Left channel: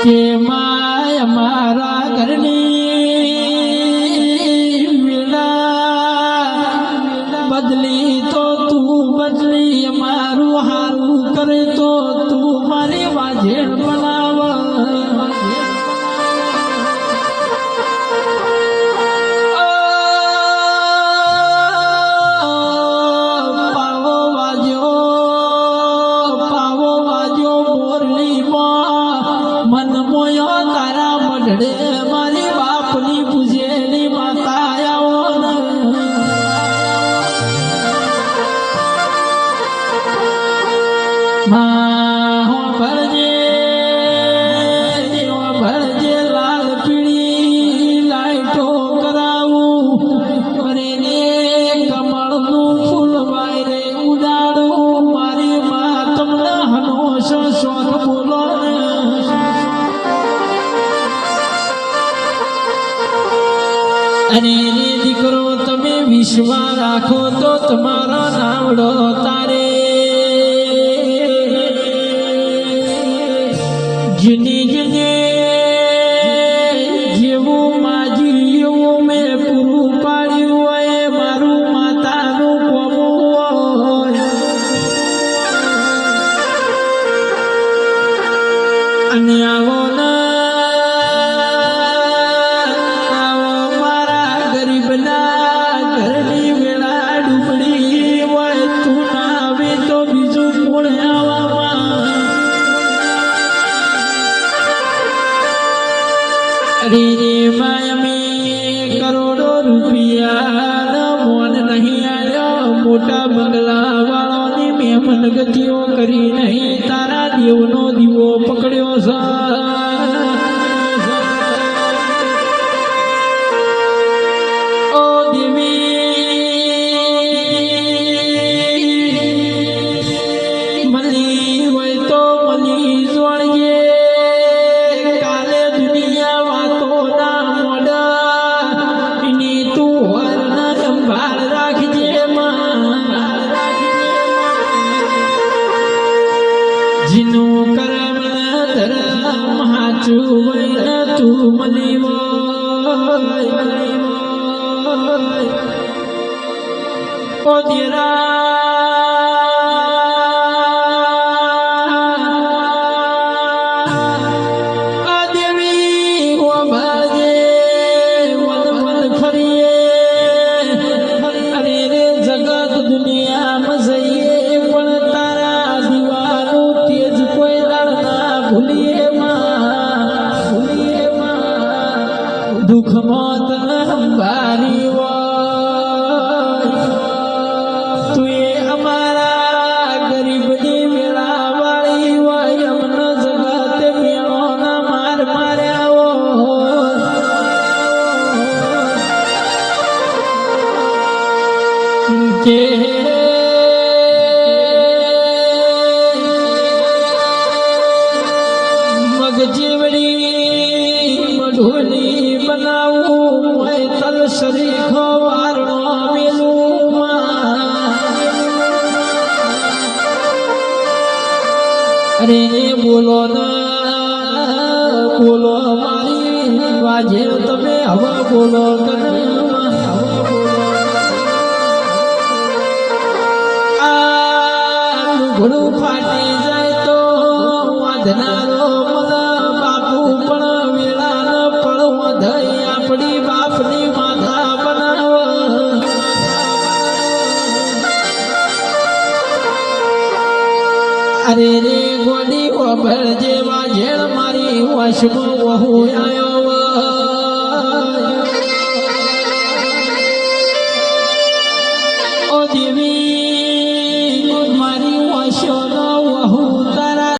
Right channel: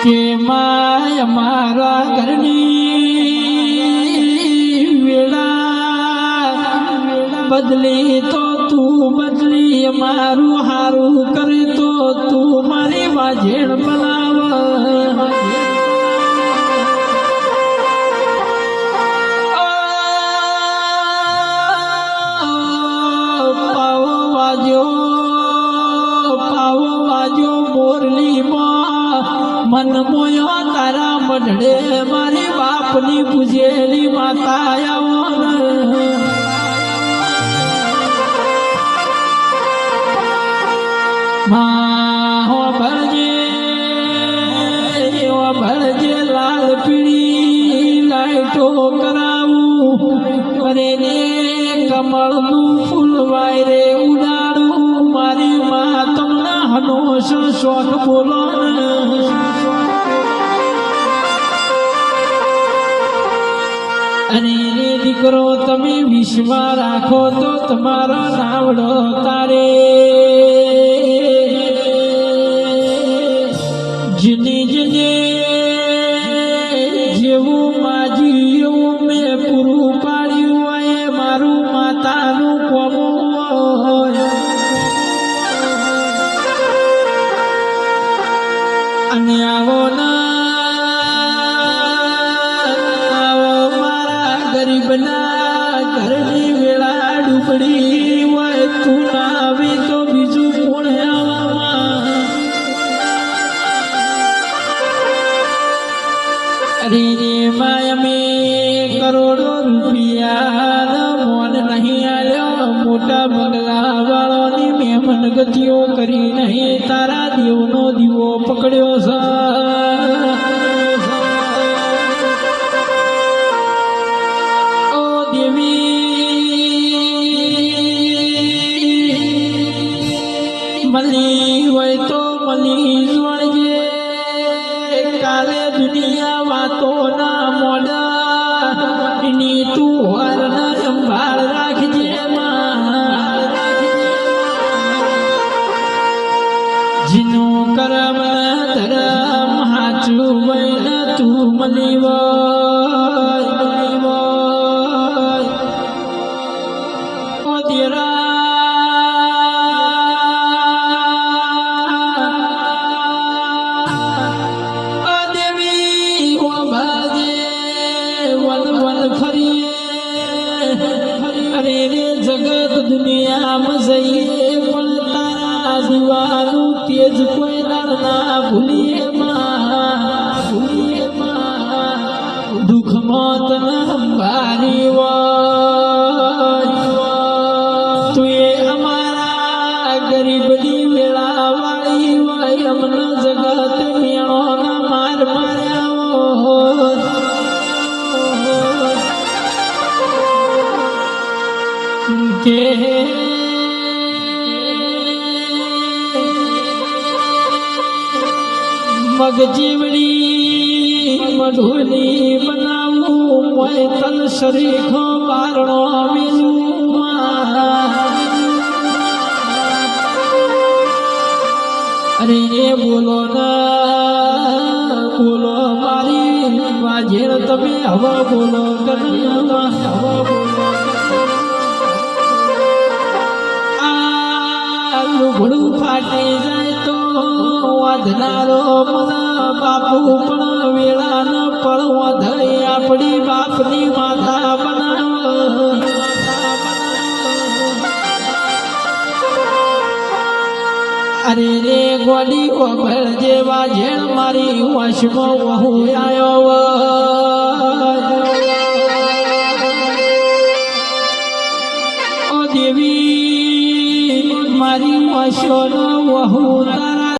કે માય મારા ઘરની વેળા બદલી તો તું બદલી મારું હારું કરે તો તું મારી વાજેણ બનાવ મન મોયો તારા મઢડે મારી બાપની પૂજેલી માતા આવો ભરજે લાલ પીળી લાઈટો કરાવું કરે ને કમળનું ફૂલ વાયરે ઉડાડું મારી મા તમને હનોશ શોખ બોલો અને રે દીકરો તમે વિશ્વાસ રાખો તો તમારો નાવડો તારે જને જને જેવું માજી એવું મેં પૂરું પાડ્યું હોય મારું માતાનું કોમું હોય અને આવો ગરીબના ઘરની વેળા ડૂબડી હોય તું ના આવે તો બીજું કોણ આવવામાં અરે માય મેં કરોડો રૂપિયા મોન નહીં આવ્યો મોટા બંગલા વાળોની મહેમાન ગતિઓ કરી નહીં તારા દેવનો દીવો પકડ્યો છે મળી હોય તો મળી જોડજે કાલે દુનિયા વાતો ના મોડા એની તું હર ના સંભાળ રાખજે જીનું કરમ ધરમ હાચું હોય તું મળી હોય ઓ દેરા દુનિયામાં જઈએ પણ તારા દીવાનું તેજ કોઈ દાડના ભૂલીએ દુઃખમાં તને સંભારી હોય તું એ અમારા ગરીબની વેળા વાળી હોય અમને જગત મેળોના માર માર્યા કે મગજીવડી મઢોલી બનાવું હોય તલ શરીખો વારણો મેલું અરે બોલો ના બોલો મારી વાજે તમે હવે બોલો ઘોડું ફાટી જાય તો વાધનારો મને બાપુ પણ વેળા ન પડવા ધઈ આપણી બાપની માતા બનાવ અરે રે ગોડી ઓભળ જેવા ઝેણ મારી વશમાં વહુ આવ્યો